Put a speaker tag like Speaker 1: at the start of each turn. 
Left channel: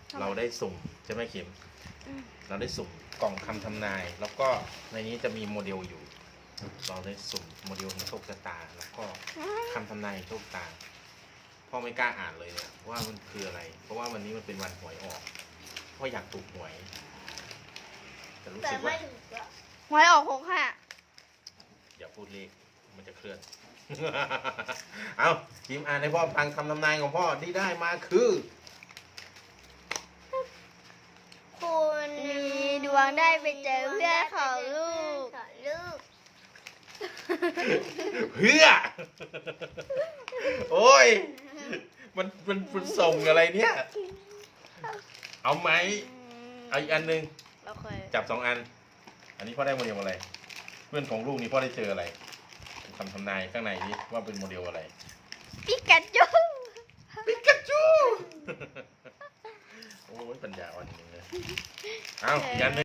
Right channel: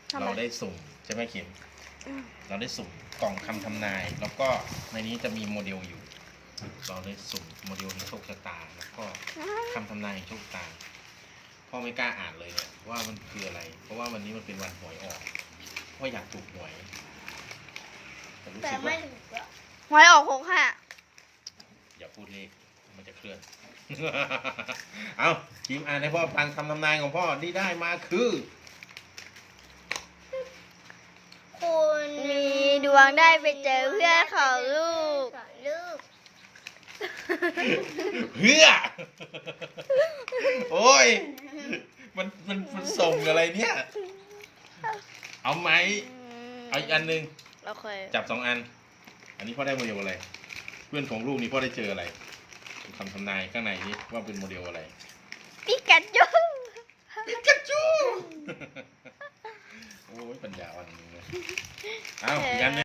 Speaker 1: เราได้สุ่มใช่ไหมเข็มเราได้สุ่มกล่องคำทำนาย แล้วก็ในนี้จะมีโมเดลอยู่ เราได้สุ่มโมเดลแห่งโชคชะตา แล้วก็คำทำนายแห่งโชคชะตาพ่อไม่กล้าอ่านเลยเนี่ยว่ามันคืออะไร เพราะว่าวันนี้มันเป็นวันหวยออกพ่ออยากถูกหวยแต่รู้
Speaker 2: แต่
Speaker 1: สึก
Speaker 2: ไม่
Speaker 1: ว่า
Speaker 2: ถูกอะ
Speaker 3: หวยออก65
Speaker 1: อย่าพูดเลขมันจะเคลื่อน เอาทีมอ่านให้พ่อฟังคำทำนายของพ่อที่ได้มาคือ
Speaker 2: คุณ
Speaker 3: มีดวงได้ไปเจอเพื่อนของลูก
Speaker 2: ลูก
Speaker 1: เพื่อ โอ้ยมันส่งอะไรเนี่ย เอาไหมเอาอีกอันหนึ่ง
Speaker 3: เราเคย
Speaker 1: จับ2 อัน อันนี้พ่อได้โมเดลอะไร เพื่อนของลูกนี่พ่อได้เจออะไรคำทำนายข้างในนี้ว่าเป็นโมเดลอะไร
Speaker 3: ปิกาจู
Speaker 1: ปิกาจู โอ้ยปัญญาอ่อนจริงเลยเอายัน